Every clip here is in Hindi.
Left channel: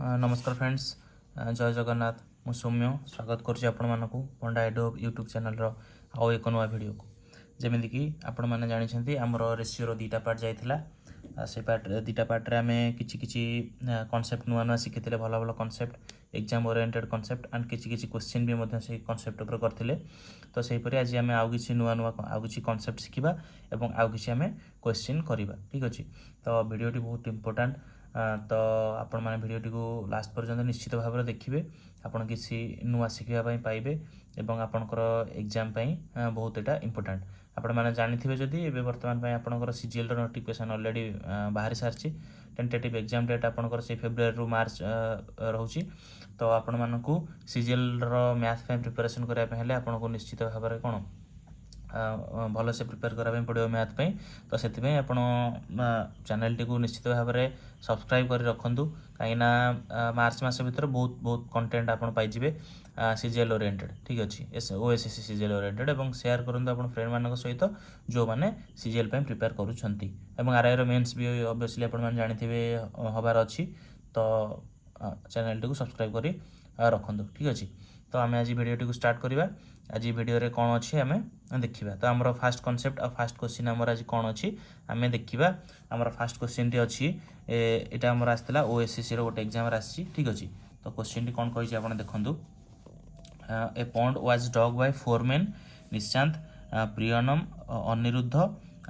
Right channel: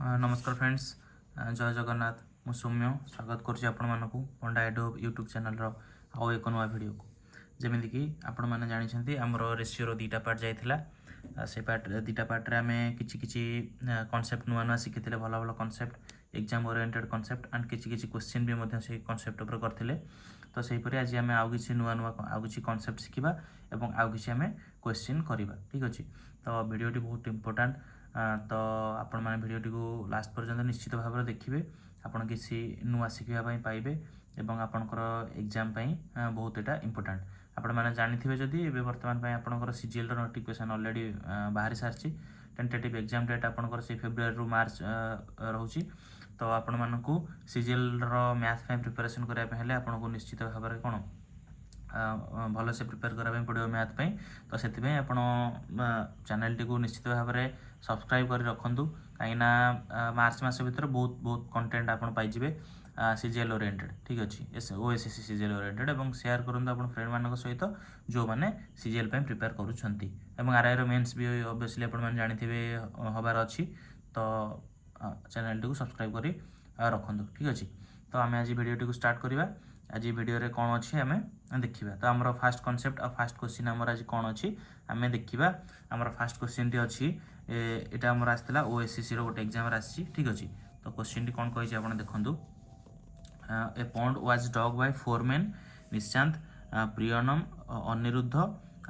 नमस्कार फ्रेंड्स, जय जगन्नाथ। मु सौम्य स्वागत करुच्ची आपण मानक पंडा एडो यूट्यूब चैनल आउ एक नुआ वीडियो को जमीक कि आपण मैंने जानते आमर रेसीओर दुईटा पार्ट जाइला से पार्ट दुईटा पार्ट आम कि कनसेप्ट नुआ नुआ शिखी भल भल concept exam oriented concept and किसी क्वेश्चन भी से कनसेप्ट उपर करते। तो सहीपरि आज आम आउ कि नुआ नुआ आउ कि कनसेप्ट शिखा और आउ कि आम क्वेश्चन करवा। ठीक अच्छे, तो वीडियोटी बहुत इंपोर्टाट। तो आपण मैंने वीडियोटी को लास्ट पर्यंत निश्चित भाव में देखिए, आपड़ किसी नुआ शिखापी पाइबे और आपणकर एग्जाम बहुत यहाँ इंपोर्टाट। आपण मैंने जानी जदि ए बर्तमान आपंकर सीजीएल नोटिफिकेशन ऑलरेडी बाहरी सारी टेंटेटिव एग्जाम डेट आपंकर से फेब्रुआरी रु मार्च रोचे। तो आपण मानक सीजीएल मैथ प्रिपरेशन करने आपको निश्चित भाव में कौन भल से प्रिपेयर कराया पड़ो मैथ पे। तो से आप चैनल टी निश्चित भाव में सब्सक्राइब कर रखु कहीं मार्च मस भर बहुत बहुत कंटेंट आप पाइबे सीजीएल ओरिएंटेड। ठीक अच्छे, ओएसएससी सीजीएल ओरिएंटेड और शेयर करूँ आप फ्रेंड मान सहित जो मैंने सीजीएल प्रिपेयर करुँच। आरआई मेन्स भी ऑब्वियसली आप जानते हबार अच्छी। तो चैनल टी सब्सक्राइब कर रखु। ठीक अच्छे, तो आम आज वीडियो टी स्टार्ट करवा। आज वीडियो रे कौन अच्छी आम देखा। तो आमर फास्ट कनसेप्ट और फास्ट क्वेश्चन आमर आज कौन अच्छी आम देखा। आमर फास्ट क्वेश्चन टी अच्छी यहाँ आमर आसाला ओएसएससी गोटे एग्जाम आसी। ठीक अच्छे, तो क्वेश्चन टी कौन कही आप देखूँ। A pond was dug by 4 men Nishant, Priyanam, Aniruddh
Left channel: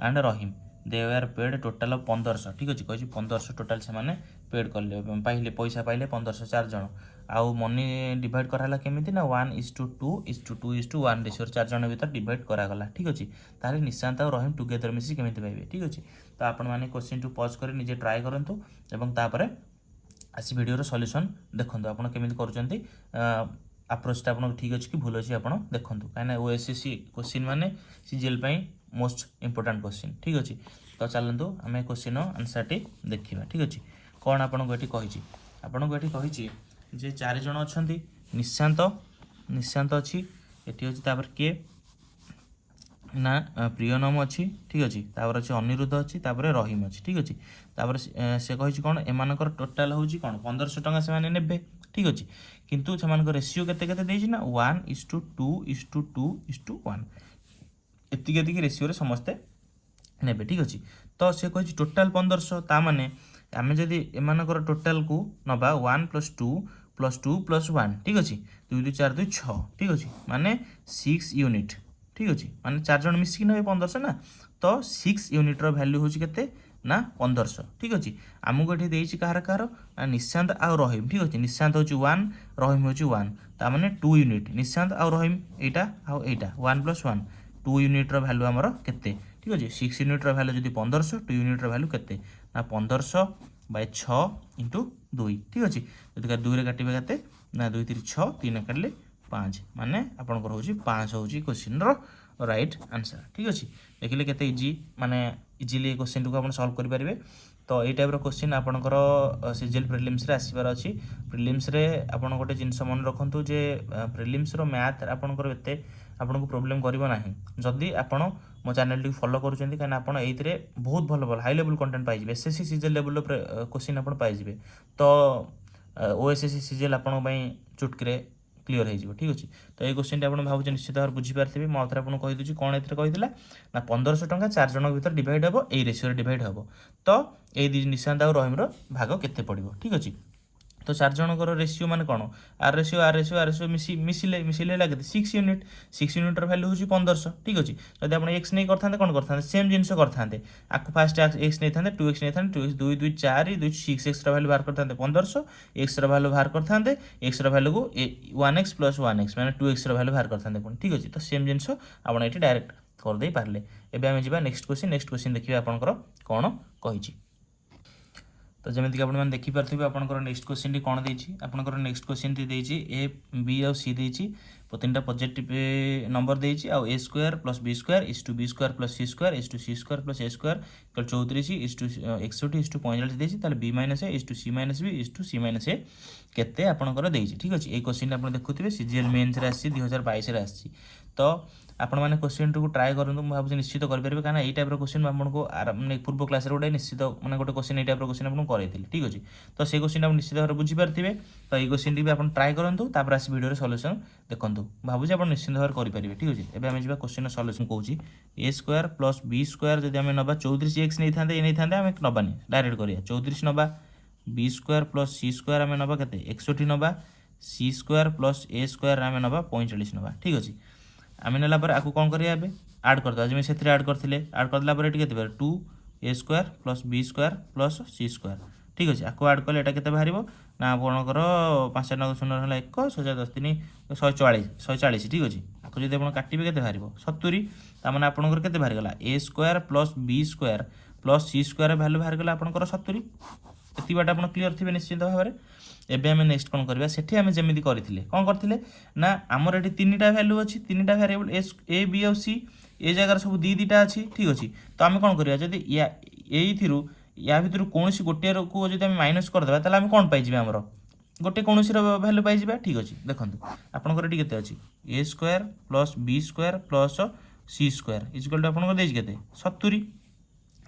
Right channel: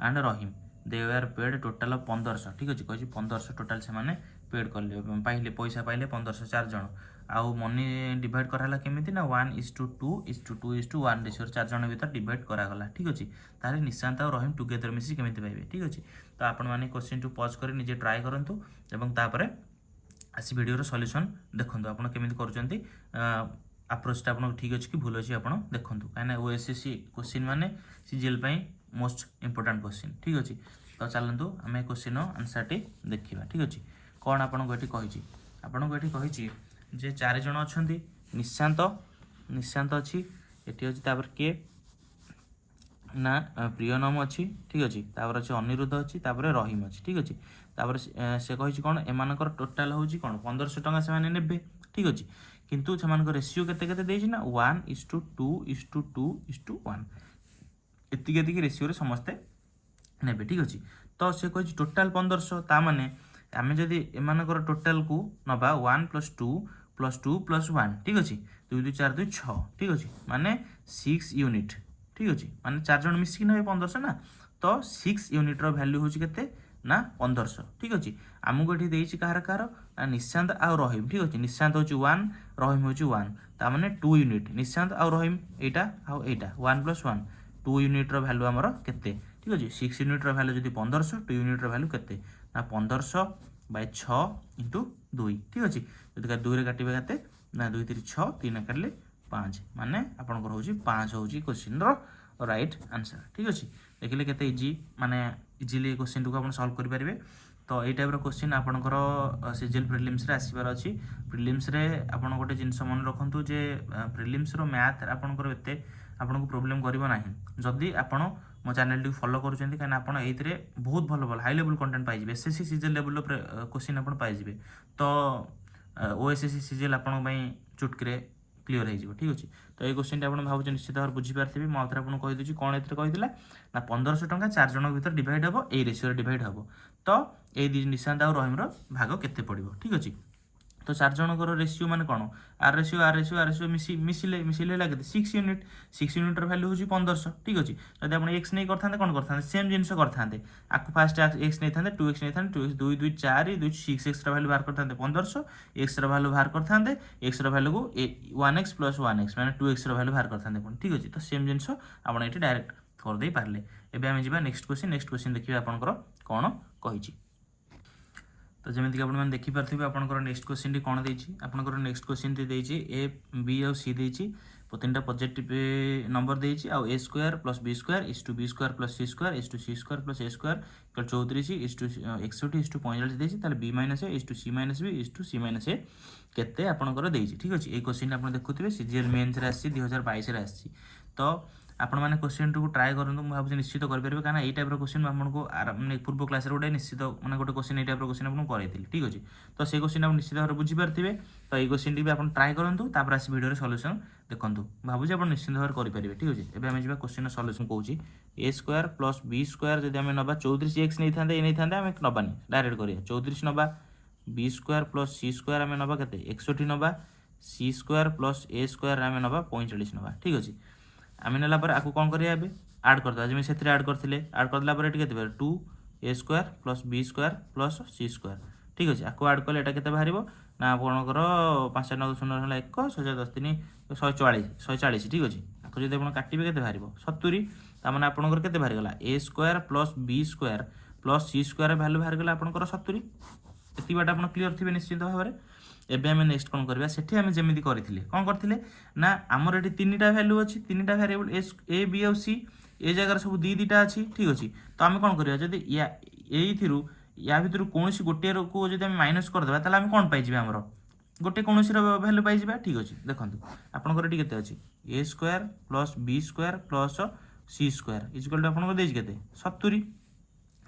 and Rahim. They were paid total 1500। ठीक अच्छे, कही 1500 टोटाल से मैंने पेड कले पाइले पैसा पाइले 1500 4 जन। आउ मनी डिवाइड कराला केमिति ना 1:2:1 रेशियो 4 जन भर डिवाइड करागला। ठीक अच्छे, ताहले निशांत और रहीम टुगेदर मिसी केमिति पाइबे। ठीक अच्छे, तो आपण मैंने क्वेश्चन टू पॉज कर निजे ट्राए करंतु एवं तापर आसी वीडियो सॉल्यूशन देखंतु आपण केमिति करूचंती। अप्रोचटा आपन ठीक अच्छे कि भूल अच्छे आप देखूँ कहीं ओएसएससी क्वेश्चन माने सीजीएल मोस्ट इंपोर्टाट क्वेश्चन। ठीक अच्छे, तो चलतु आम क्वेश्चन आंसर टी देखा। ठीक अच्छे, कौन आपको ये कही आपको ये कही जे 4 जन अच्छा निशांत निशांत अच्छी ये अच्छी किए ना प्रियनम अच्छी। ठीक अच्छे, अच्छे अनिरुद्ध अच्छी रहीम अच्छी। ठीक अच्छे, से कही कौन एम टोटाल हूँ कौन 1500 टका से ने। ठीक अच्छे, किंतु से रेसीओ के ना 1:2:2:1 एति रेसीओ समस्ते ने। ठीक अच्छे, तो से कही टोटाल 1500 ताने आम जदि एम टोटाल को नवा 1 + 2 + 2 + 1। ठीक अच्छे, 2 2 4 2 6। ठीक अच्छे, माने 6 यूनिट। ठीक अच्छे, माने 4 जन मिसिक ने 1500 ना, तो 6 यूनिट वैल्यू हूँ के ना 1500। ठीक अच्छे, आमको ये कहार कहार निशांत आ रहीम। ठीक अच्छे, निशांत हूँ 1 रहीम हूँ 1 ताने 2 यूनिट। निशांत आ रहीम यहाँ आउ यहाँ 1 + 1 2 यूनिट वैल्यू आमर केते। ठीक अच्छे, 6 यूनिट वैल्यू जब 1500 2 यूनिट वैल्यू केते ना 1500/6 × 2। ठीक अच्छे, जब 2 काटे के ना 2 3 6 3 काटिले 5 माने आपंकर हूँ 5 हूँ क्वेश्चन राइट आंसर। ठीक अच्छे, देखिले केते इजी माने इजिली क्वेश्चन को आप सॉल्व करेंगे। तो ये टाइप क्वेश्चन आपंकर सीजीएल प्रिलिम्स रे आसबार अच्छी। प्रिलिम्स रे आपन गोटे जिनस मन रखु जे प्रिलिम्स रो मैथ आपंकर एते आपको प्रोब्लेम करिवो नाही जदि आपण मो चैनल टी फॉलो करूछंती। काना आपण एइतरे बहुत भल भल हाई लेवल कंटेंट पाइबे, एसएससी सीजीएल लेवल क्वेश्चन आपण पाइबे। तो ओएसएससी सीजीएल आपण पई चुटकी क्लीयर हो। ठीक अच्छे, तो ये क्वेश्चन आप भाव निश्चित भाव बुझीपारे। मैं आउे आपको कहीदी कौन ये कही ना 1500 टका 4 जन भर डिवाइड हम यही रेसीओ डिवाइड हम। तो ये निशांत और रहीम भाग केते पड़ो। ठीक अच्छे, तो 4 जनकर रेसीओ माने कौन आर रेसीओ मिसिले लगे 6 यूनिट। 6 यूनिट वैल्यू हूँ 1500। ठीक अच्छे, जब आप एक्स नहीं करते कौन करते सेम जिन करते आपको फास्ट एक्स नहीं था 2x नहीं था 2 2 2 4 2 6 एक्स वैल्यू बाहर करते 1500 एक्स वैल्यू बाहर करते एक्स वैल्यू को 1x + 1x मैंने 2x वैल्यू बाहर करते। ठीक अच्छे, तो सेम जिन आप ये डायरेक्ट करदे पारे। एवं आम जा नेक्स्ट क्वेश्चन देखिए आपंकर कौन कही। तो जमीक कि आपने देखिपे आपंकर नेक्स्ट क्वेश्चन टी कौन देती। आपंकर नेक्स्ट क्वेश्चन टी देती ए बी और सी देती 3टा पॉजिटिव नंबर देती आ a² + b² = b² + c² = c² + a² 34 = 61 45 देती। b - a c - b c - a केते आपंकर देती। ठीक अच्छे, ये क्वेश्चन आप देखुए सीजीएल मेन्स रे आसी 2022 रे आसी। तो आपण मैंने क्वेश्चन टू ट्राए करूँ मुझे भावुँ निश्चित करेंगे कहीं ये टाइप क्वेश्चन आपको मैंने पूर्व क्लास गोटे निश्चित मैंने गोटे क्वेश्चन ये टाइप क्वेश्चन आपको कराई ठीक अच्छे तो से क्वेश्चन आप निश्चित भाव बुझीपारे तो ये क्वेश्चन भी आप ट्राए करूँ तापर आस वीडियो सल्यूशन देखूँ भावुँ आप निश्चित भाव करेंगे ठीक अच्छे एवं आम जा क्वेश्चन सल्यूशन कौन ए स्क्वायर प्लस बी स्क्वायर जब आम ना 34x नहीं था ये नहीं था आम नबानी डायरेक्ट करिया 34 नवा B square plus c square आम नवा के 61 नवा सी स्क्वायर प्लस ए स्क्वायर आम नवा 45 नवा ठीक अच्छे आम नेला आपको कौन करिया आड करदे जमी से आड करते आड करदेला के 2 a square plus b square plus c square ठीक अच्छे आपको आड कले ये के बाहर ना आपंकर 5 9 0 1 6 10 3 140 ठीक अच्छे आपको जब आप काटे के बाहर 70 ताने आपंकर के बाहर गला a square plus b square plus c square value बाहर गला आपंकर 70 ये बाट आप क्लीयर थे निश्चित भाव में एबे आम नेक्स्ट कौन करवा सेठी आम जमी करथिले कौन करथिले ना आमर एटी 3टा वैल्यू अच्छी 3टा वेरिएबल ए बी और सी ए जगह सब दीटा अच्छी ठीक अच्छे तो आम कौन करवा जब या भितर कौन गोटे को जब आम माइनस करदे ताले आम कौन पाइबे आमर गोटे कौन भैल्यू पाइबा ठीक अच्छे देखो आपंकर ये के अच्छी a square plus b square plus c square is equal to आपको के 70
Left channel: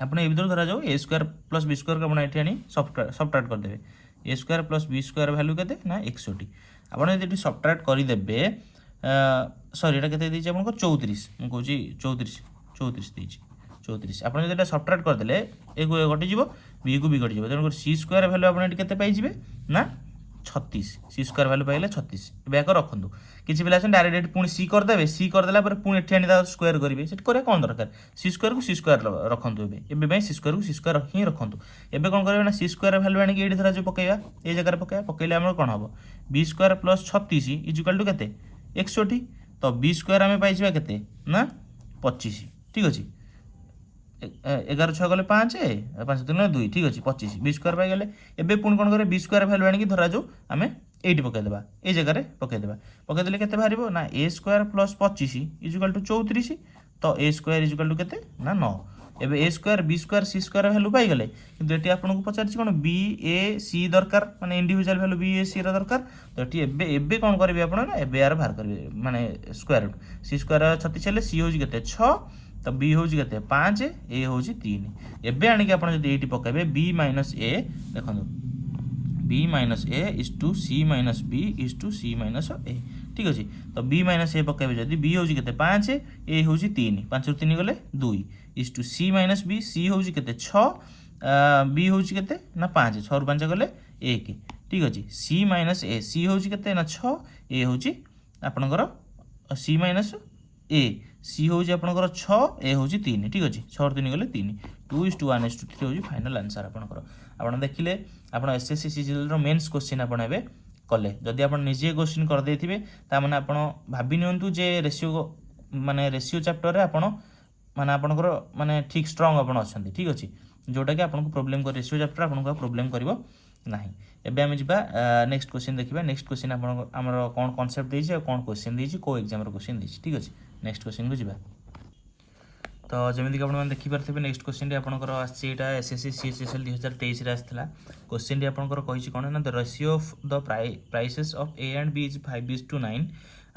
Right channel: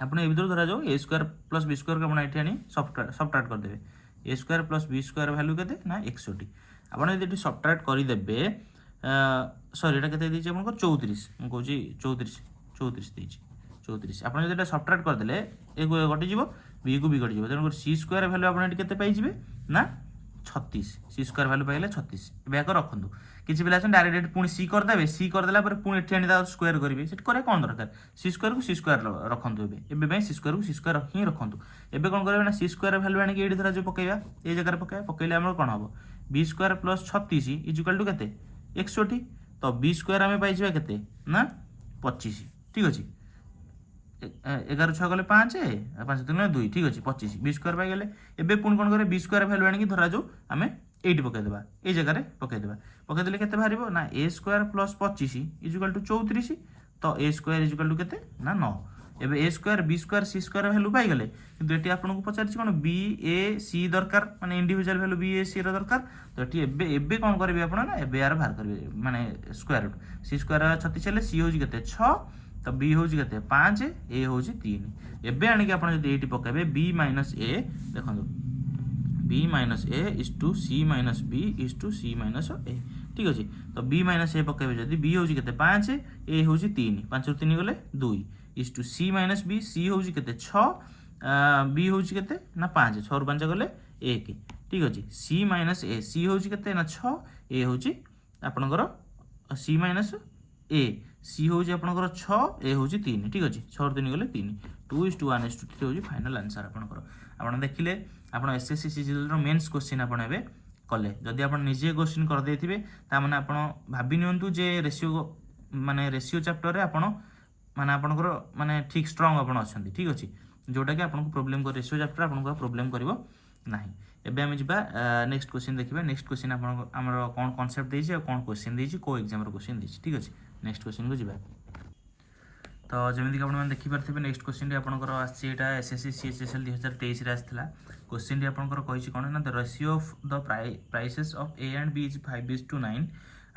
आप ये भर धरा जाओ a square plus b square को आप आनी सब्ट्रैक्ट करदे a square plus b square value के ना 61 आपड़ी सब्ट्रैक्ट करदे सॉरी ये के आपको 34 मुझे 34 आप सब्ट्रैक्ट करदे ए कटिज बी को बी कटिज तेणुक सी स्क्वायर वैल्यू आपते पाइबे ना 36 सी स्क्वायर वैल्यू पाइले 36 बैक रखुँ किसी पिला डायरेक्ट पुणी सी करदे सी करदेला पुणी एटी स्क्वायर करेंगे से करें कौन दरकार सी स्क्वायर को सी स्क्वायर रखुँ एवं सी स्क्वायर को सी स्क्वायर ही रखुँ एवं कौन करेंगे ना सी स्क्वायर वैल्यू आनी ये धरा जो पकड़ा ये जगह पकड़े आम कौन हम B square plus 36 is equal to के 61 तो बी स्क्वायर आम पाइबा के ना 25 ठीक अच्छे 11 6 गले 5 5 3 2 ठीक अच्छे 25 बी स्क्वायर पाइगले एवं पुणी कौन करें बी स्क्वायर वैल्यू आनी धरा जो आम ये पकईदे ये जगह पकईदे के बाहर ना ए स्क्वायर प्लस 25 इजिकल टू 34 तो ए स्क्वायर इजिकल टू के ना 9 एवं ए स्क्वायर बी स्क्वायर सी स्क्वायर वैल्यू पाइगले कि ये आपको पचार कौन बी ए सी दरकार माने इंडिविजुअल वैल्यू बी ए सी दरकार तो ये कौन करेंगे आप यार बाहर करेंगे माने स्क्वायर रूट सी स्क्वायर 36 हेल्ले सी हूँ के 6 तो बी हूँ के 5 ए हूँ 3 एवं आणिक आप ये पकड़े बी माइनस ए देखो b minus a is to C minus b is to C minus a ठीक अच्छे तो b माइनस ए पकड़े जब b हूँ के 5 ए हूँ 3 5 रू 3 गले 2 is to C minus B C हूँ के 6 बी हूँ के ना 5 6 रू 5 गले 1 ठीक अच्छे सी माइनस ए सी हूँ के ना 6 ए हूँ आपणकर सी माइनस ए सी हूँ आपणकर 6 ए हूँ 3 ठीक अच्छे 6 रू 3 गले 3 2 इज टू 1 इज टू 3 हूँ फाइनाल आंसर आपणकर आप देखिले आप एसएससी सीजीएल मेन्स क्वेश्चन आपड़े कले जदि आप निजे क्वेश्चन करदे ताने आप भाभी नियंतु जे रेशियो माने रेशियो चैप्टर आप माने आपनकर माने ठीक स्ट्रांग आप अच्छा ठीक अच्छे जोटा कि आपको प्रोब्लेम कर रेशियो चैप्टर आपको प्रोब्लेम करिवो नाही एबे हम जिबा नेक्स्ट क्वेश्चन देखिबा नेक्स्ट क्वेश्चन हमर कोन कांसेप्ट देछि कोन क्वेश्चन देछि को एग्जाम रो क्वेश्चन देछि ठीक अच्छे नेक्स्ट क्वेश्चन को जिबा तो जमीक आप देखिपारे नेक्स्ट क्वेश्चन आपंकर आसटा एसएससी सीएचएसएल 2023 आसाला क्वेश्चन आपंकर कही कौन ना the ratio of the prices of a and b is 5:9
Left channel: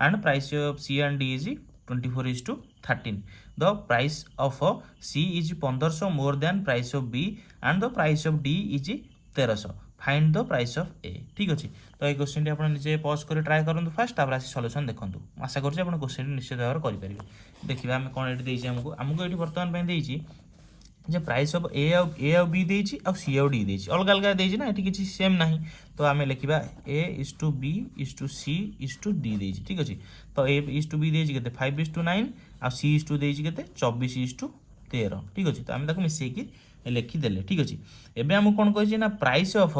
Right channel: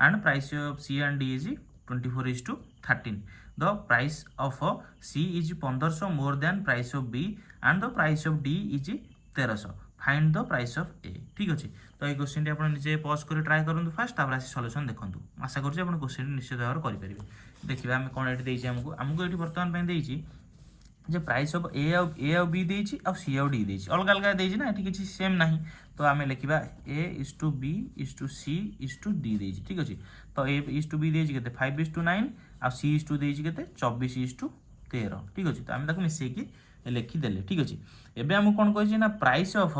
and price of c and d is 24:13 the price of C is 1500 more than price of b and the price of d is 1300 find the price of a ठीक अच्छे तो ये क्वेश्चन आप निजे पॉज कर ट्राए करूँ फास्ट तापर आसी सॉल्यूशन देखूँ आशा करुँच आप क्वेश्चन निश्चित भाव में करेंगे देखिए आम कौन ये आमको ये बर्तमान जे प्राइस ऑफ ए और बी देछि और सी और डी देछि अलग अलग देछि ना ये किसी सेम नहीं तो आम लिखा a is to b is to c is to d देछि ठीक अच्छे तो ए इज टू बी देछि के 5:9 और सी इज टू देछि के 24:13 ठीक अच्छे तो आम मिसेकी लिखिदेले ठीक अच्छे एबे आम कौन कही ना price of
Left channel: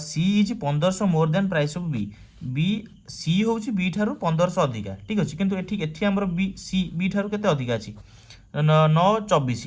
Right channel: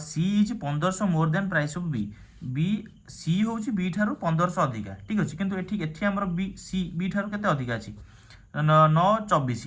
C is 1500 more than price of B B C हूँ बी ठारू 1500 अधिका ठीक अच्छे किंतु एठी आमर बी सी बी ठारू केते अधिका अछि 9 24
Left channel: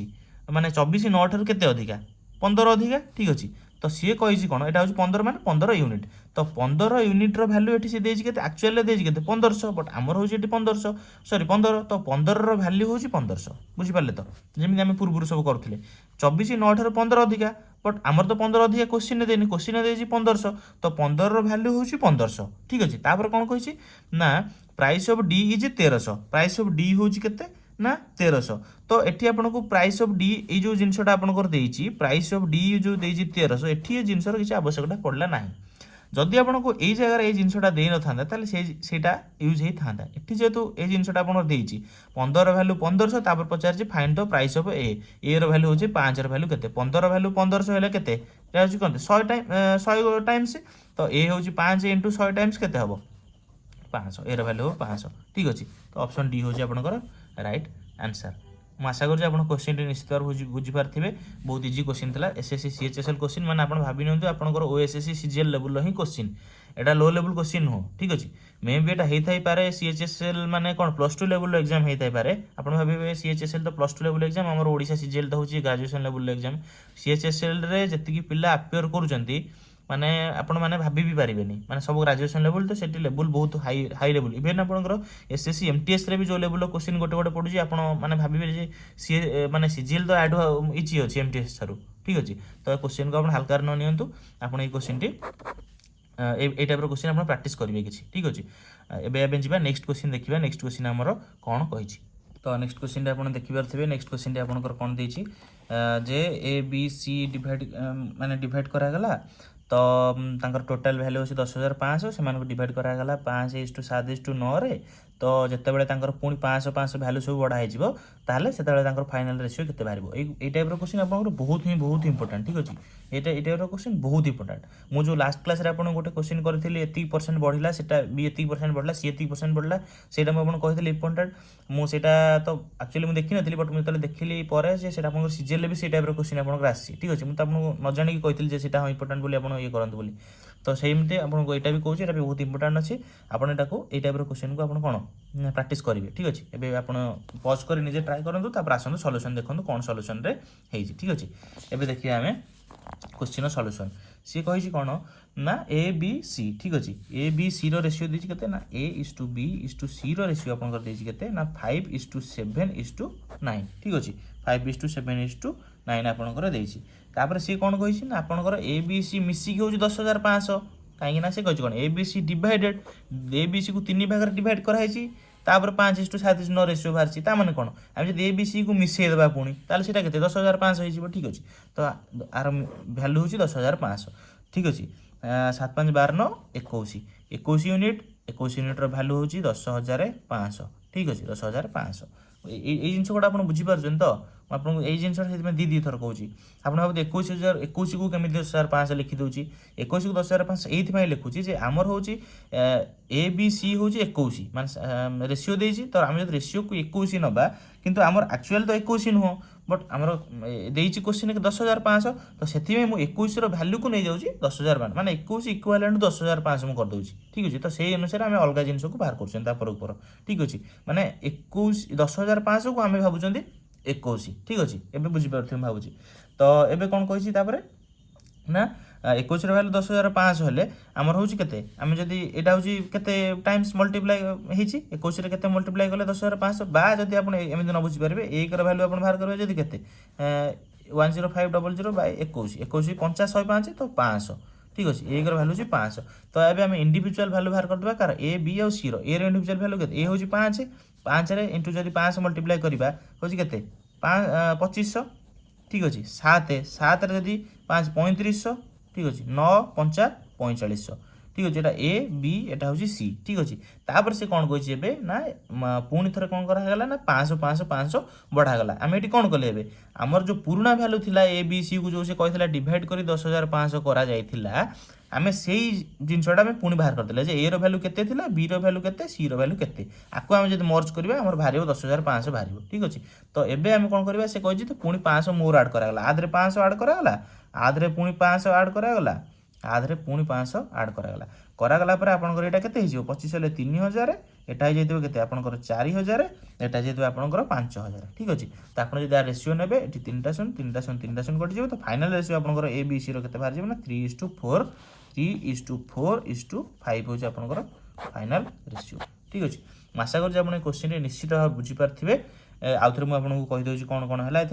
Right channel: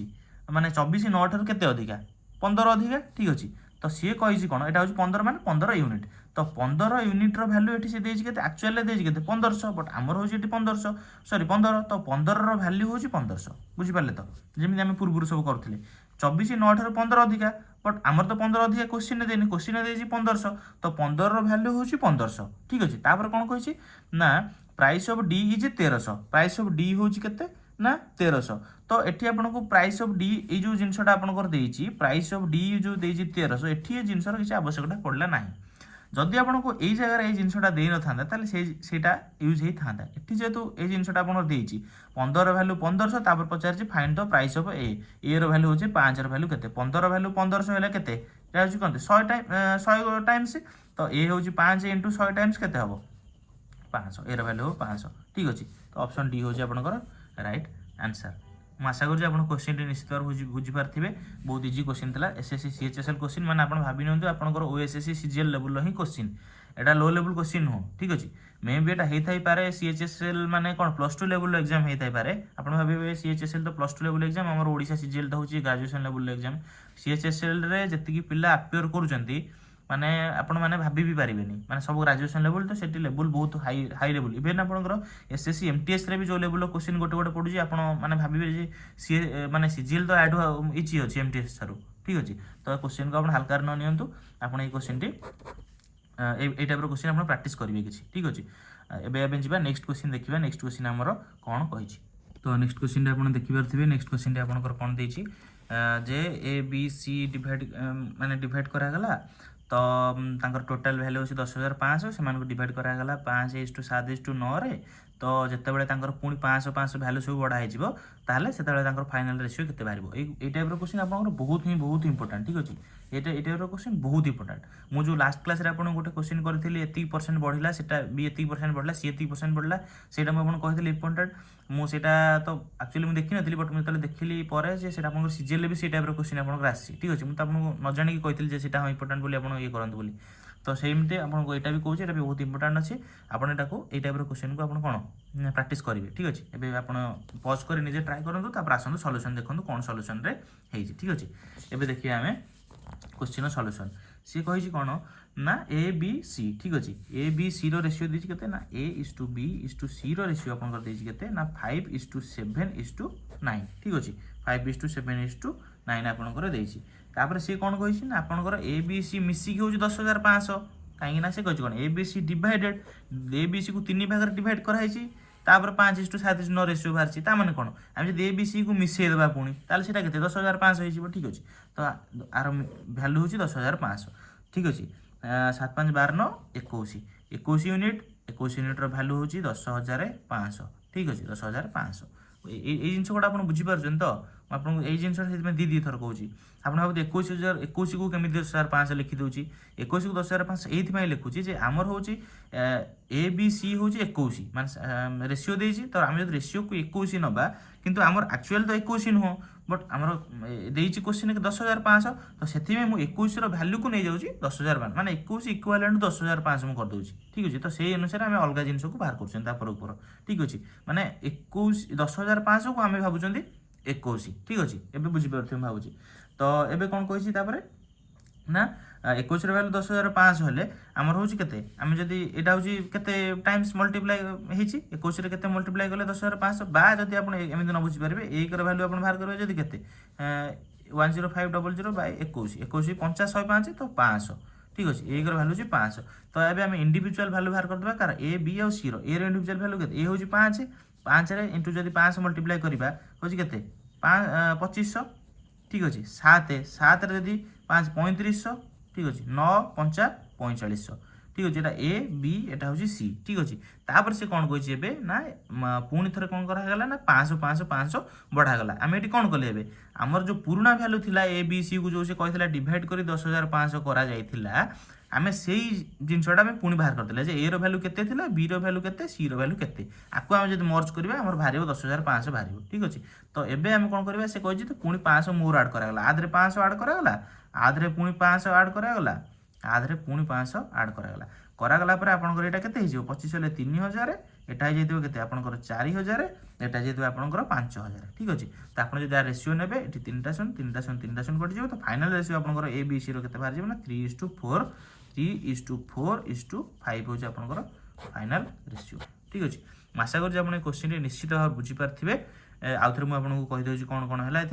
माने 24 9 ठारू केते अधिका 15 अधिका ठीक अच्छे तो सी कही कौन यहाँ हूँ 15 मान 15 यूनिट तो 15 यूनिट्र भैल्यू ये देती के आक्चुअल देती के 1500 बट आमर हूँ 1500 सॉरी 15 तो 15 भैल्यू हूँ 1500 बुझिपारे तो जमी आम पूर्व सब करुले 24 9 ठार 15 अधिका बट आमर तो 15 अधिका क्वेश्चन देनी क्वेश्चन दे 1500 तो 15 भैल्यू हूँ 1500 ठीक अच्छे तापर कौन कही ना price of d is 1300 price of D हूँ केते ना 1300 तो एठी आपनको प्राइस ऑफ डी ये जो जिनसटा आपनकर देइची प्राइस ऑफ डी जो देइची 1300 एठी ये जिनसर किसी आवश्यकता पड़ला नाही जदि आपको ये जगह ये जिनसटा दे न था ताले सेटा यूज ही था एठी जेतु ये जिनसटा आपन देइची 15 वैल्यू 1500 तापर पचारची find the price of a रो वैल्यू होचे 5 रो वैल्यू केते 15 वैल्यू 1500 हेला केते एटा होची कोन 100 टाइम 100 टाइम्स तो ए होची 5 * 100 टाइम्स केते हबो 500 ए रो वैल्यू 500 ठीक अछि तो ऑप्शन डी होची आपनकर राइट आंसर ମୁଁ ଆଶା କରୁଛି ଆପଣ କ୍ୱେଶ୍ଚିନ୍ଟି ନିଶ୍ଚିତ ଭାବରେ ବୁଝିପାରିଥିବେ ବହୁତ ଇଜି କ୍ୱେଶ୍ଚିନ୍ ଥିଲା ଏସ୍ଏସ୍ସି ସିଏଚ୍ଏସ୍ଏଲ୍ କ୍ୱେଶ୍ଚିନ୍ ମାନେ ଆପଣ ଭାବି ନିଅନ୍ତୁ ଆପଣଙ୍କର ଓଏସ୍ଏସ୍ସି ସିଜିଏଲ୍ ଲେବୁଲ୍ର ହିଁ କ୍ୱେଶ୍ଚିନ୍ ଏଇଟା ଲୋ ଲେବୁଲ୍ କ୍ୱେଶ୍ଚିନ୍ ନୁହଁ ଠିକ୍ ଅଛି ମେ ବି ଏଇଟା ହେଇଥାଇପାରେ ସିଏଚ୍ଏସ୍ଏଲ୍ ମାନେ କ'ଣ +2 ଲେବୁଲ୍ର ଏକ୍ଜାମ୍ ହେଇଥାଇପାରେ ଆପଣ ଭାବିବେ ସିଏଚ୍ଏସ୍ଏଲ୍ ତ +2 ଲେବୁଲ୍ ଏକ୍ଜାମ୍ ଆମର ଓଡ଼ିଶା ସିଜିଏଲ୍ଟା ହେଉଛି ଗ୍ରାଜୁଏସନ୍ ଲେବୁଲ୍ର ଏକ୍ଜାମ୍ ସିଏଚ୍ଏସ୍ଏଲ୍ରେ ଯେତିକି ପିଲା ଆପିୟର କରୁଛନ୍ତି माने आपण मैंने भाभी भी पारे माने सब ग्राजुएशन लेवल तो सेठी लेवल बहुत हाई लेवल इवेन आपंकर एसएससी एमटीएस रे भी जो लेवल क्वेश्चन गोटे गोटे पड़ुची आपण माने भाभी जे सी माने सीजीएल तो ऐड इची अछि एमटीएस थारु ठीक अछि तो क्वेश्चन को आपण हल्का न नियंतु आपण ए क्वेश्चन टी ए टाइप रो क्वेश्चन आपण प्रैक्टिस करिवे किछि ठीक अछि एबे एबे जिबा नेक्स्ट क्वेश्चन देखिबा नेक्स्ट क्वेश्चन हमर कोन कहिछि तो नेक्स्ट क्वेश्चन आपण देखि पारथिबे नेक्स्ट क्वेश्चन आपनकर कोन देछि जे ए बी सी डिवाइड माने डिवाइड करा गला तो टोटाल वैल्यू अच्छे 10,500 से डिवाइड करागला 5:7:9 रे तो जितेबाला पुणी 500 वैल्यू सब बढ़ाई ताहले से फाइनल रेशियो केते बाहर ये टाइप क्वेश्चन आप बहुत इंपोर्टेंट ठीक अच्छे ये टाइप क्वेश्चन बहुत इंपोर्टेंट मुझे लास्ट क्लास आप गोटे क्वेश्चन करी एति परसेंट बढ़ला सेटा भी एति परसेंट बढ़ला सी एति परसेंट बढ़ला सेटा मुझे कही इंपोर्टेंट मुझे तो एक्चुअली मुझे देखी नी बट मुझे देखिली पर सीजीएल भी से टाइप क्वेश्चन आपको आसी ठीक अच्छे मुझे आपको न जाणी कही से इंपोर्टेंट बोली आप ये करते बोली तो सेमती आपको यहाँ भी कहूँ ये भी बहुत इंपोर्टेंट अच्छे आपको ये टाइप क्वेश्चन को आप कौन प्रैक्टिस करेंगे ठीक अच्छे एवं आप पज कर निजे ट्राए करूँ आसतु सल्यूशन देखो कौन सल्यूशन रे ठीक अच्छे एवं देखिए आम क्वेश्चन सल्यूशन सी कही कौन ना ए बी सी ठीक अच्छे ए बी सी रेशियो देती के ना A:B:C रेशियो आप देते ना 5:7:9 ठीक अच्छे 5:7:9 आपंकर देती तापर सी कौन कही ना आपंकर ए बी सी मिसिक हूँ 10,500 कहीं से कही कौन A B C divided A B C को 3 भाग डिवाइड कराई तापर 5:7:9 रेशियो बाहर ताने कौन आम जब ए बी सी को मिसेदेवा पुणी ताले सीटा के 10,500 हो ठीक अच्छे तो आर भैल्यू हूँ 10,500 ठीक अच्छे 7×5=12 21 21 यूनिट 21 यूनिट्र भैल्यू हूँ 10,500 ठीक अच्छे 10,500 ये जिन गुड़ा आप बुझीपार तो आपको यही जिन दी थर कहूँ आप भाव 21,021 को केमी 10,500 लिखिदे 21 को 10,500 ये लिखुची आमर हूँ ए बी सी हूँ 21 मान रेशियो देती तो आम जो रेशियो को 21 नवा किंतु आमर एक्चुअल तो 21 नुह बट आमर देती क्वेश्चन 10,500 तो से मुझे 21 वैल्यू को नहीं जाऊँगी 10,500 माने 21 इक्वालेंट 10,500 मुझे करदे ठीक अच्छे तो से अनुसार आम अलग जिन को बाहर कर ठीक अच्छे माने 10,500 को आम भावुं 21 ठीक अच्छे एवं बुझीपार भावुँ तो एवं कौन कही ना 21 वैल्यू 10,500 हेले आमर हूँ के आम जदि यहाँ हूँ के टाइम्स मल्टीप्लाई होती 21 के मल्टीप्लाई कले 10,500 बा जब आप न बुझीपारे 1 वैल्यू आप बाहर करेंगे जब के 10500/21 21 50 105 तो 500 ठीक अच्छे 1 वैल्यू हूँ 500 तो ये आम इंडिविजुअल वैल्यू बाहर करदे कार ए बी और सी ए इंडिविजुअल वैल्यू के ए हूँ 5 5 इंटू जब 5 मल्टीप्लाई करवा हूँ के 2500 ठीक अच्छे 7 जदि 5 3500 ठीक अच्छे 9 5 4500 ठीक अच्छे ए बी एटा हूँ सी ठीक अच्छे तापर से कौन कही ना पुणी थे कौन करागला ना 500 बढ़ागला आम ये कौन कले आमर जो पुराना भैल्यू थिला ए बी सी को जो से कहला डिवाइड कर 10,500 करा जाइथिला आम से जिनसा आम पुणी बाहर करदे जे ए रो वैल्यू केते थिला बी रो वैल्यू केते सी रो वैल्यू केते आपको आम जब मर्ज करबा हमर बाहर 10,500 बाहर ठीक अच्छे तो एबे आम कौन करबा से कहि तो पुणी 500 मोर ऐड करागला आधरे 500 ऐड करागला आधरे पुणी 500 ऐड करागला आधरे पुणी 500 ऐड करागला पर आपंकर यहाँ के 25 हेल्ले 3,000 एटा हो जाइए केते आपनकर 4000 एटा जाइए आपनकर 5000 ठीक अछि। तो आपण जदि रेशियो नेबे एठी 3 कटि जिवो तो फाइनल रेशियो आपनकर ए बी सी रो केते बाहर जिवो ना 3:4 3:4:5 हो आपनकर फाइनल रेशियो ठीक अछि। आशा कर आपण क्वेश्चन निश्चित भाव बुझी पारथिबे। आउ थे मुझे आपको कहीदे कौन कौन है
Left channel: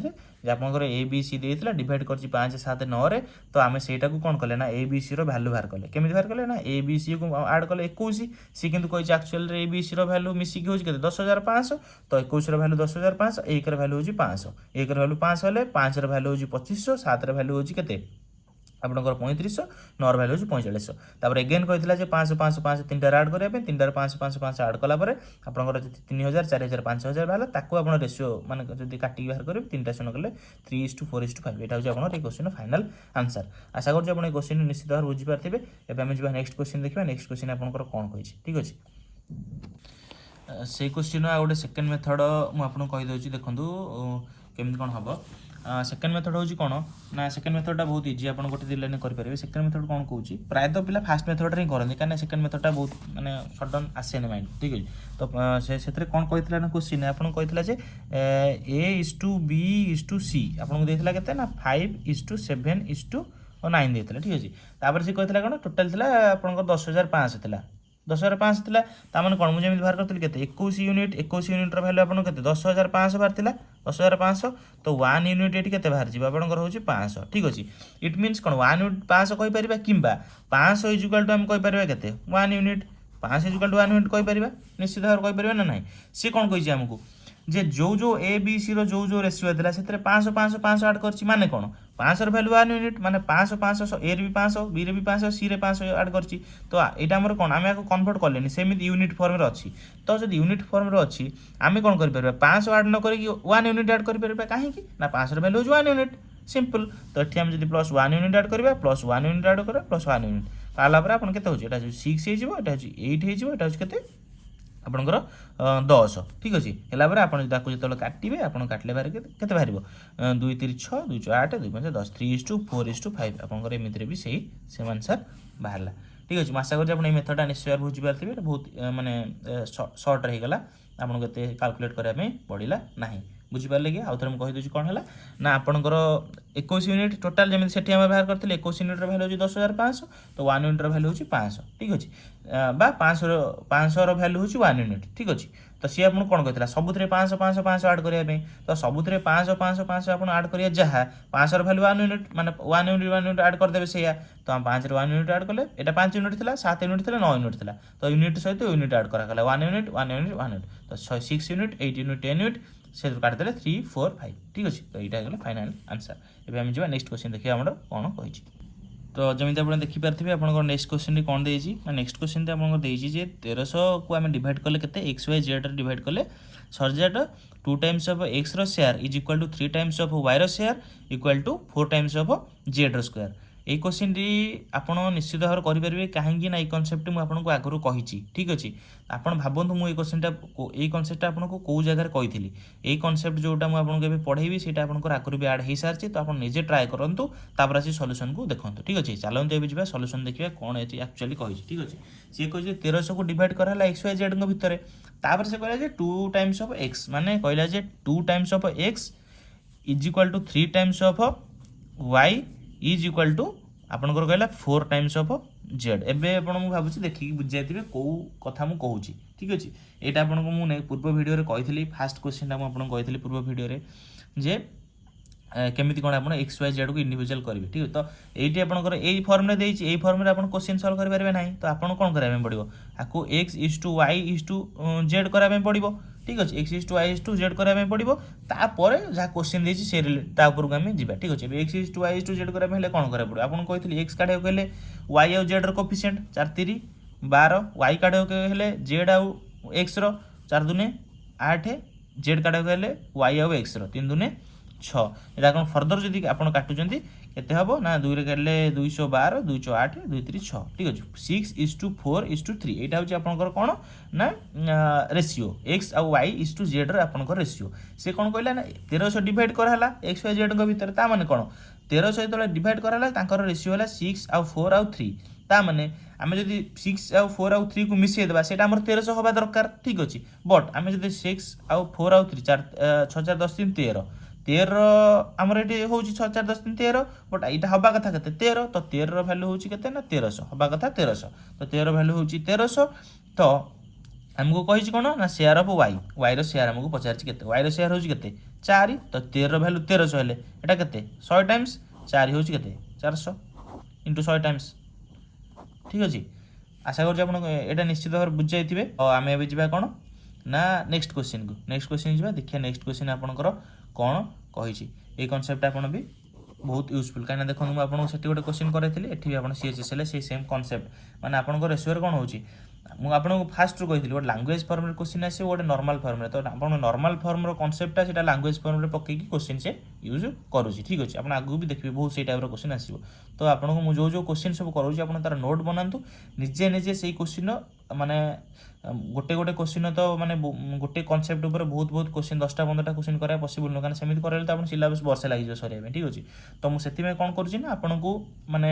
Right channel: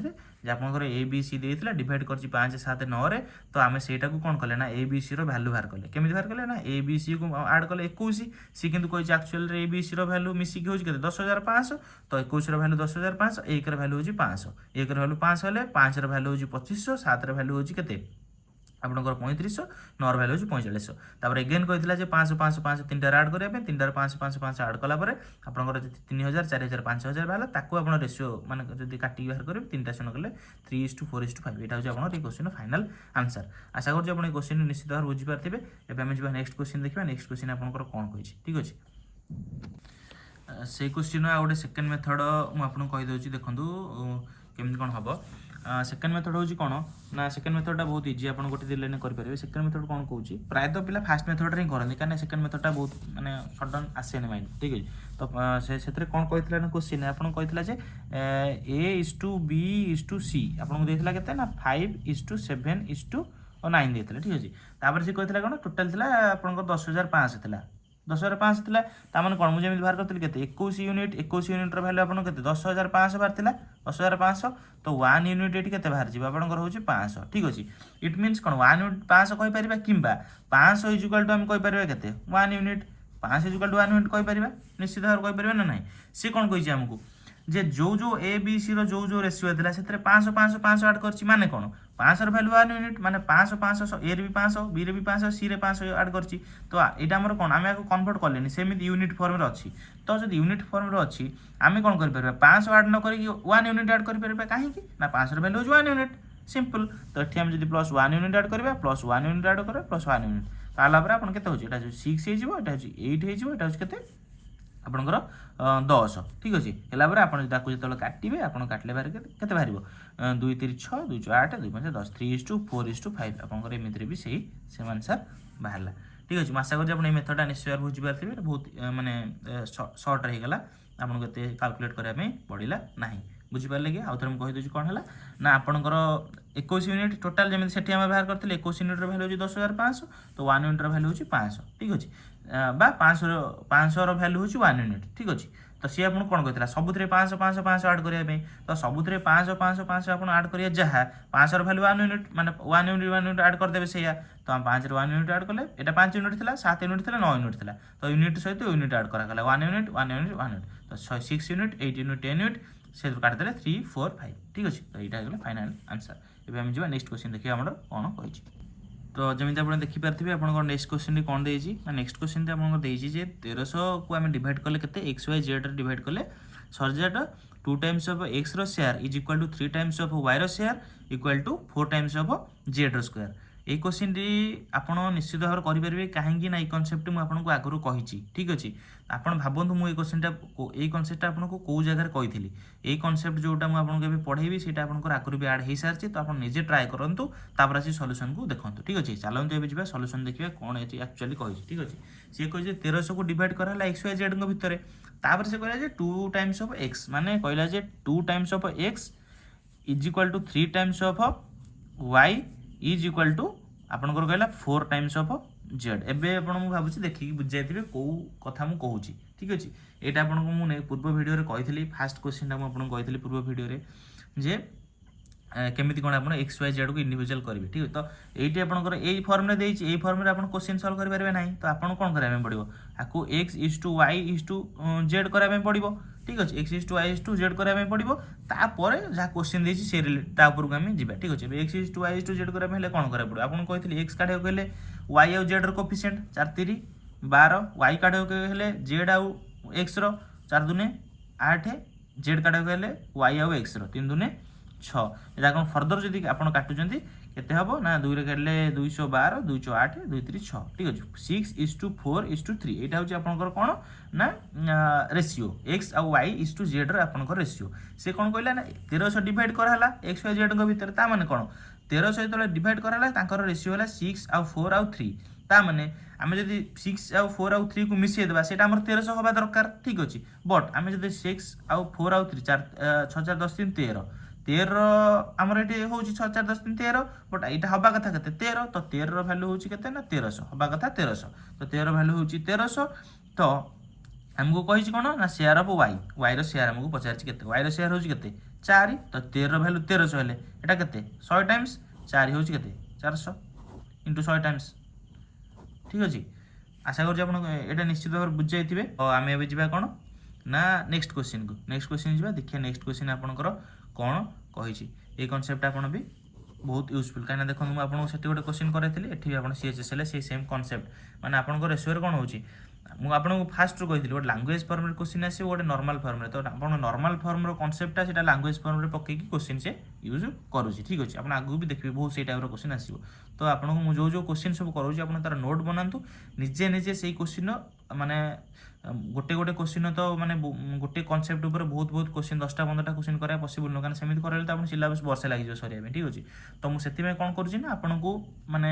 ये आपंकर ए बी सी देता डिवाइड कर 5 7 9 तो आम से कौन कले ना ए बी सी भैल्यू बाहर कले केमी बाहर कले ना ए बी सी को आड कले 21 सी कितु कही actual a B c value मिसिक हो 10,500 तो 21 भैल्यू 10,500 1 भैल्यू हो 500 1 भैल्यू 500 हेल्ले 5 भैल्यू हो 2500 7 भैल्यू हो केते आपंकर 3500 9 भैल्यू हो 4500 तापर एगेन कही 500 500 500 3 आड करने 3 500 500 500 आड कलापर आपंकर 3000 4000 5000 बाहर ताको आप रेशियो मान जब काटिक बाहर करेंगे 3टा शून्य कले 3:4:5 यहाँ हूँ आप क्वेश्चन फाइनल आंसर। आशा कर क्वेश्चन निश्चित भाव बुझीपारे एवं आम जा नेक्स्ट क्वेश्चन देखा नेक्स्ट क्वेश्चन आपंकर कौन कही ठीक अच्छे से क्वेश्चन आ गए सेकेंड मेथड मुझे कहीदे देखूँ केमी कौन हम सेकेंड मेथड हूँ कौन ना सेकेंड मेथडा बहुत इजी आप गोटे लाइन करेंगे। सेकेंड मेथड कौन कौन प्रायतः पिला फास्ट मेथड ही करते कहीं सेकेंड मेथडा बहुत माने सडन आसेनि माइंड ठीक है। तो से कौन कही ना क्वेश्चन आपको कही A:B:C आपको देता के 5:7:9 देता ठीक अच्छे। तापर से कहता कौन टोटाल थी आप 10,500 थी 10,500 थी ताने कौन मुझे बाहर करी के 21 यूनिट 21 यूनिट भैल्यू आपको के 10,500 बाहर था 10,500 तो 1 यूनिट ये बाहर जी आपंकर हूँ 500 ठीक अच्छे। इट मीन्स कौन 1 यूनिट 500 कहीपर कि 500 इजुकाल टू आम कहीपर के 1 यूनिट 500 इजुकाल टू 1 यूनिट कहीपर निश्चित भाव कहीपर ना ना सी कौन कही आमको जे जो ए बी सी जो रेशियो था से 500 500 500 आड कर माने कौन 500 भैल्यू 1 यूनिट माने 500 500 ए भी 500 बी रे भी 500 सी रे 500 आड कर तो यहाँ आम कौन आम कन्वर्ट कले सेमती यूनिट फॉर्म रे अच्छी तो जब यूनिट फॉर्म रे अच्छी आम कौन कर 500 आड न करी 1 यूनिट आड कर कहीं ना 500 भैल्यू 1 यूनिट सिंपल तो ये आम जब प्लस 1 यूनिट आड करा प्लस 1 यूनिट आड करा प्लस 1 यूनिट तालापर आप के 6 हो 8 हो आपंकर 10 ठीक अच्छे है आप जो काटे आप काटिले बाहर के बाहर 2 3 6 2 4 8 2 5 10 3:4:5 आपंकर एमती भी सेम आंसर बाहर ठीक अच्छे। आशा कर मेथडा निश्चय बुझीपारे बहुत माने सर्ट रहीगला आपको कैलकुलेट करने पड़ा ना बुझीपारे कि आउ थे मुझे कहीदे कौन है ना आपंकर 21 यूनिट टोटाल जमी से बाहर करते 21 यूनिट भैल्यू हो 10,500 तो 1 यूनिट भैल्यू हो 500 ठीक अच्छे 500 भैल्यू हो 1 यूनिट ठीक अच्छे। तो सी आपको कौन कहता सबुथ 500 500 500 आड करने तो सबुथ 500 500 500 आप आड करिए जहाँ 500 भैल्यू 1 यूनिट माने 1 यूनिट आड करदे से तो हम 5 1 यूनिट आड कले यहाँ 5 यूनिट था 7 यूनिट था 9 यूनिट था तो यूनिट सहित यूनिट आड कराला 1 यूनिट 1 यूनिट 1 यूनिट तो 6 यूनिट 8 यूनिट 10 यूनिट से काटिदेले 3 4 5 ठीक अच्छे। तो यहाँ फाइनल आंसर एवं जा नेक्स्ट क्वेश्चन देखिए आम कौन कही तो जमी आप देखिपारे आप नेक्स्ट क्वेश्चन कौन देती नेक्स्ट क्वेश्चन आपको 1300 को आम डिवाइड कले के एक्स वाई जेड डिवाइड कले सर 2 टाइम्स ऑफ एक्स रो square is equal to 3 times of Y रो square equal to 4 times of Z रो स्क्वायर ये क्वेश्चन आप निश्चित भाव करेंगे कहीं ना कनसेप्ट मुझे आगुरी कही ठीक अच्छे। आप भावतु मुझे क्वेश्चनटा ये कनसेप्ट आपको कौ जगह कही ये कनसेप्ट जोटा मुझे पढ़ेबी से आगुरी भी आड हो सारी तो आप निजे ट्राए करूँ तापर आसी सल्यूशन को देखो ठीक अच्छे। चलते ये जा सल्यूशन देखिए कौन एक्चुअली कही ठीक अच्छे। सी कहे 1300 को डिवाइड कराला एक्स वाई जेड भितर तापर से कहला 2 टाइम्स ऑफ एक्स माने कहला 2 times of X is equal to 3 times of Y is equal to आपंकर कहला 4 टाइम्स ऑफ जेड एबे आपन मु भाबुची देखि बुझाइथिबे को कथा मु कहूची ठीक अछि। एटा आपन को मु पूर्व वीडियो रे कहिथिली फास्ट क्वेश्चन मु आपन कहिथिली पूर्व वीडियो रे जे केमिति कोन आपन एक्स वाई जेड को इंडिविजुअल करिवे ठीक है। तो एटी आपनकर एई फॉर्म रे देछि एई फॉर्म रे आपन क्वेश्चन सॉल्व करि परबे नाही तो आपन कोन कराबे पड़िबो आको x is to y is to z कराबे पड़िबो ठीक अछि। x is to y is to z कराबे पड़िबो तापर जा क्वेश्चन देछि से रिलेट ता ऊपर को हम जिबा ठीक अछि। x is to y is to z कराबे हेले कोन कराबे पड़िबो आपन कहिथिली x काढे कहले y और z रो कोफिशिएंट 4 3 12 y काढे कहले z और x रो 4 2 8 z काढे कहले y और x रो 3 2 6 एटा कोन फर्दर जदि आपन काटुचंती केते हबो ना 2 रे काटले 212 208 2 3 6 ठीक अछि। 6:4:3 एटा होची आपनकर कोन ना रेशियो x और y इज टू z रे आपनकर रेशियो से कोन कहला ना 1300 डिवाइड कराला x y z को भीतर ता माने कोन 1300 जतले डिवाइड कराला तांकर रेशियो होला 6 और 4 और 3 ताने आम जब 6 आउ 4 आउ 3 को मिसई देवा सेटा हमर 1300 हवा दरकार ठीक अछि बट आम जब 6 आउ 4 आउ 3 4 6 4 10 3 13 13 आमर ये हूँ 6 4 10 3 13 बट यहाँ हवा कथा के 13 तो 13 रैल्यू हूँ के 1300 हवा कथा 1300 तो 13 भैल्यू हूँ 1300 तो आमको कही कौन ना square of Y Y square आमको पचार के वाई सेयार हूँ के 4 तो 13 भैल्यू 1300 हेले एटा के 100 टाइम्स 4 हूँ के 400 इंटू 100 टाइम्स ठीक अच्छे आशा कर निश्चित भाव बुझी जाइए तो आम ए जा कौन ना नेक्स्ट क्वेश्चन को नेक्स्ट क्वेश्चन जा देखिए नेक्स्ट क्वेश्चन आपंकर कौन कही ये कनसेप्ट आप भी बहुत यूजफुल कहीं देखो मुझे आपको गोटे क्वेश्चन कराई एठी आप सीएचएसएल से सेम कनसेप्ट माने आपन रेशियो कौन होची मुझे आपको फास्ट कही गोटे लांगुएज फर्म क्वेश्चन आस गोटे नॉर्मल फर्म तो आप नॉर्मल फर्म कनसेप्टा से लांगुएज फर्म पकई क्वेश्चन से यूज करुँच ठीक अच्छे आप आगू भी देखिए बहुत से टाइप क्वेश्चन आसो तो आपको मुझे जो क्वेश्चन सब करुँच आप तार नोट बनातु निजे निजे से क्वेश्चन माने गोटे गोटे क्वेश्चन तो माने गोटे कनसेप्ट ऊपर बहुत बहुत क्वेश्चन 10टा 15टा क्वेश्चन करा पॉसिबल नुह सेमती कराइले तो आप सिलेबस वर्षे लगे सर ठीक अच्छे तो मुझे कौन करुँच आपको माने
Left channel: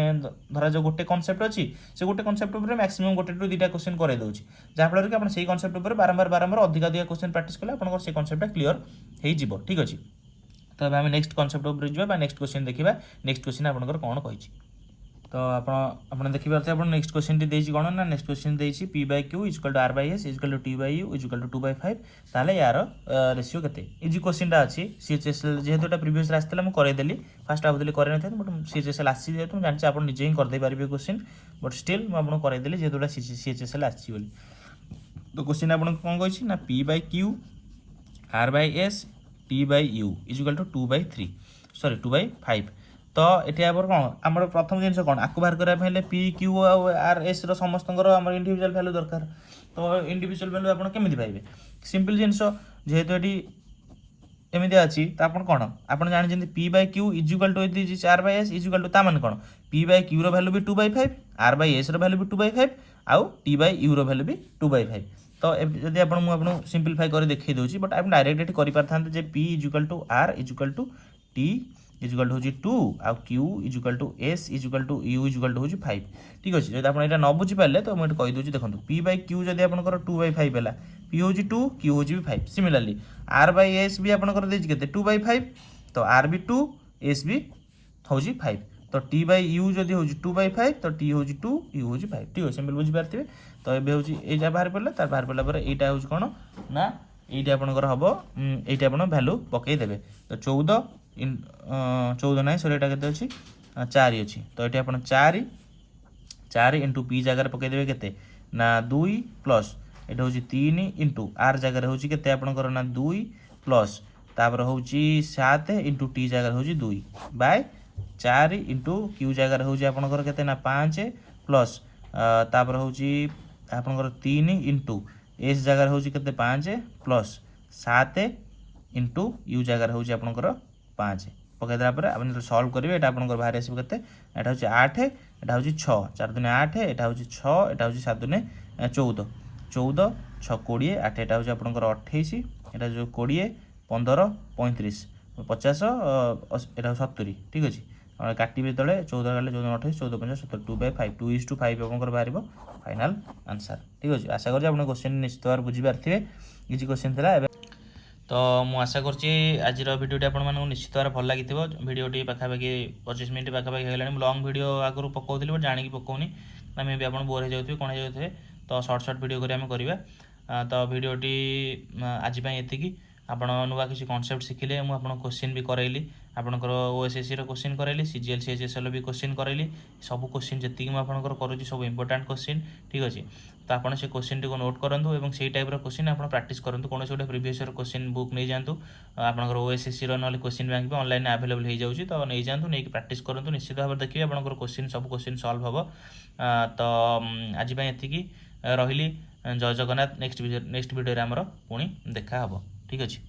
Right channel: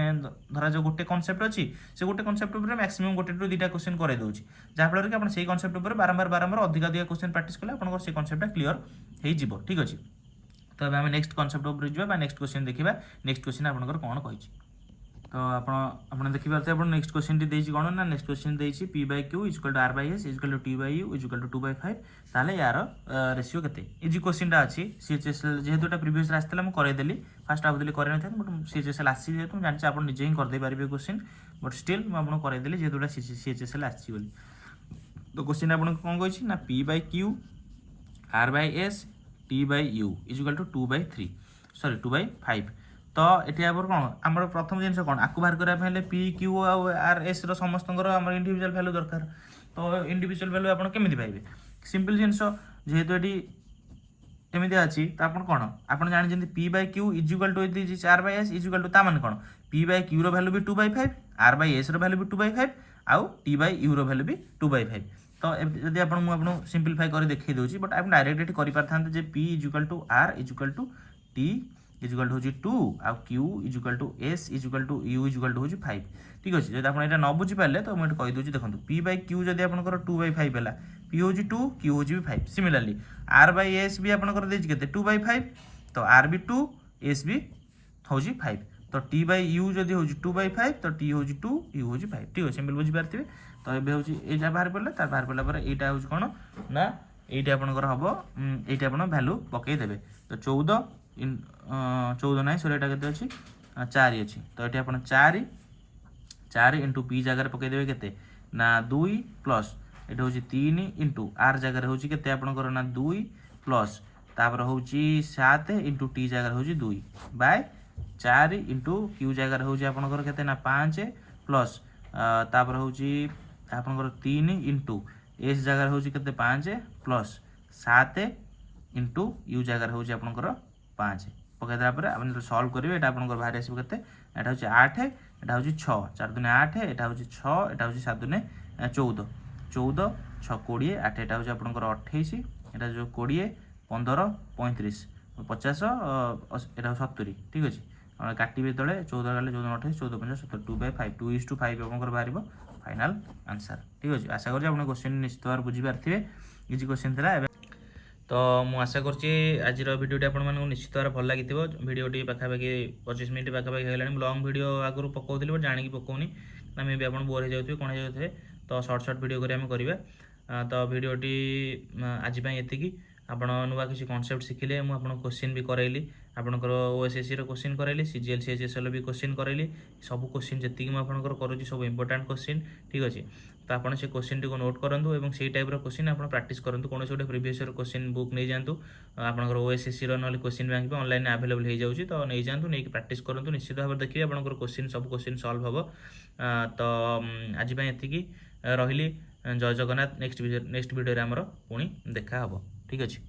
धरा जो गोटे कनसेप्ट अच्छी से गोटे कनसेप्ट ऊपर मैक्सिमम गोटे टू 2टा क्वेश्चन कराई दूसरी जहाँफल कि आप कनसेप्ट ऊपर बारंबार अधिक क्वेश्चन प्रैक्टिस कले आप से कनसेप्टा क्लीयर हो ठीक अच्छे तो आम नेक्स्ट कनसेप्ट ऊपर जावा नेक्स्ट क्वेश्चन देखा नेक्स्ट क्वेश्चन आपंकर कौन कही तो आप देखिए आप नेक्स्ट क्वेश्चन टी कौन ना नेक्स्ट क्वेश्चन देती P by Q equal to R by S equal to T by U equal to 2/5 ताले यार रेशियो केते इजी क्वेश्चन अच्छी सीएचएसएल जेहेतु प्रीवियस आसला मुझे करदेली फास्ट भावुली कर बट सीएचएसएल आसी जेहतु मुझे जानते आप निजे ही करदे पारे क्वेश्चन बट स्टिल मुझे करदेली जेहतु सीएचएसएल आसी तो क्वेश्चन आप कौन कही ना P by Q R by S T by U equal to 2/3 sorry 2/5 तो ये आप कौन आम प्रथम जिन कौन आपको बाहर करने पी क्यू आर एस समस्त इंडिविजुअल वैल्यू दरकार तो इंडिविजुअल वैल्यू आप केमी पाइबे सिंपल जिनस जेहेतु ये एमती अच्छी तो आप कौन आप जानते P by Q equal to R by S equal to ताने कौन पी बाय क्यू रैल्यू भी 2/5 आर बाय एस रैल्यू भी 2/5 आउ टी बाय यू रैल्यू भी 2/5 तो जब आपको सिंप्लीफाई कर देखी दूसरी बट आप डायरेक्ट ये P equal to R equal to T equal to 2 आउ Q equal to S equal to U equal to 5 ठीक अच्छे जब आप न बुझीपारे तो मुझे कहीदे देखो पी बाय क्यू जब आप 2/5 है पी हूँ 2 क्यू हूँ भी 5 सिमिलारली आर बाय एस भी आपंकर 2/5 तो आर भी 2 एस भी हूँ 5 तो टी बाय यू जब हूँ 2/5 तो टी हूँ 2 यू हूँ 5 ठीक है सिंपल बुझीपारे तो ये हूँ यहाँ बाहर पड़ा तार बाहर पड़ा यहाँ हूँ कौन ना ये आपंकर हम ये आप भैल्यू पकईदे तो 14 ना सॉरी यहाँ के अच्छी 4 अच्छी तो ये आप 4 इंटू पी जगार पकईदे के ना 2 प्लस ये हूँ 3 इंटू आर जगार हूँ के आपंकर ना 2 प्लस तापर हूँ 7 इंटू टी जगार हूँ 2 बाय 4 इंटू क्यू जगार हूँ आपंकर के ना 5 प्लस तापर हूँ आपंकर 3 इंटू एस जगार हूँ के 5 प्लस 7 इंटू यू जगार हूँ आपंकर 5 पकईदेला आप सल्व करेंगे यहाँ आप बाहर आसो के यहाँ हूँ 8 यहाँ हूँ 6 4 दूने 8 यहाँ हूँ 6 यहाँ हूँ 7 दूने 14 14 6 20 8 यहाँ हूँ आपंकर 28 यहाँ जो 20 15 35 50 यहाँ 70 ठीक अच्छे काटे तले 14 गले 14 28 14 50 70 2/5 2:5 आपंकर बाहर फाइनाल आंसर ठीक अच्छे आशा कर क्वेश्चन निश्चित भाव बुझीपारे इजी क्वेश्चन था तो मुझे आशा करছি आजर भिडियोटी आपको निश्चित भाव भल लगी भिडियोटी पाखापाखि 25 मिनट पाखापाखि होगा लंग भिडियो आगुरी पकाऊली बट जाणी पकाऊनी ना मे भी आप बोर हो जाते कौन हो जाते तो सर्ट भिडियो करें तो भिडियोटी आज ये आप नुआ किसी कनसेप्ट शिखिले मुझे क्वेश्चन भी कराइली आपंकर ओएसएससी क्वेश्चन कराइली सीजीएल सीएचएसएल भी क्वेश्चन कराइली सब क्वेश्चन जी मुझे करुँच सब इंपोर्टाट क्वेश्चन ठीक अच्छे तो आपड़ से क्वेश्चन टी नोट करूँ और से टाइप क्वेश्चन आप प्रैक्टिस करूँ कौन गोटे प्रीवियस क्वेश्चन बुक नहीं जातु आपंकर ओएसएससी ना क्वेश्चन बैंक भी ऑनलाइन अवेलेबल हो जाऊँगी तो नहीं जातु नहीं प्रैक्टिस करूँ निश्चित भाव देखिए आपंकर क्वेश्चन सब क्वेश्चन सॉल्व हम तो आज ये रही जय जगन्नाथ नेक्स्ट वीडियो आमर पुणी देखा हम ठीक अच्छे।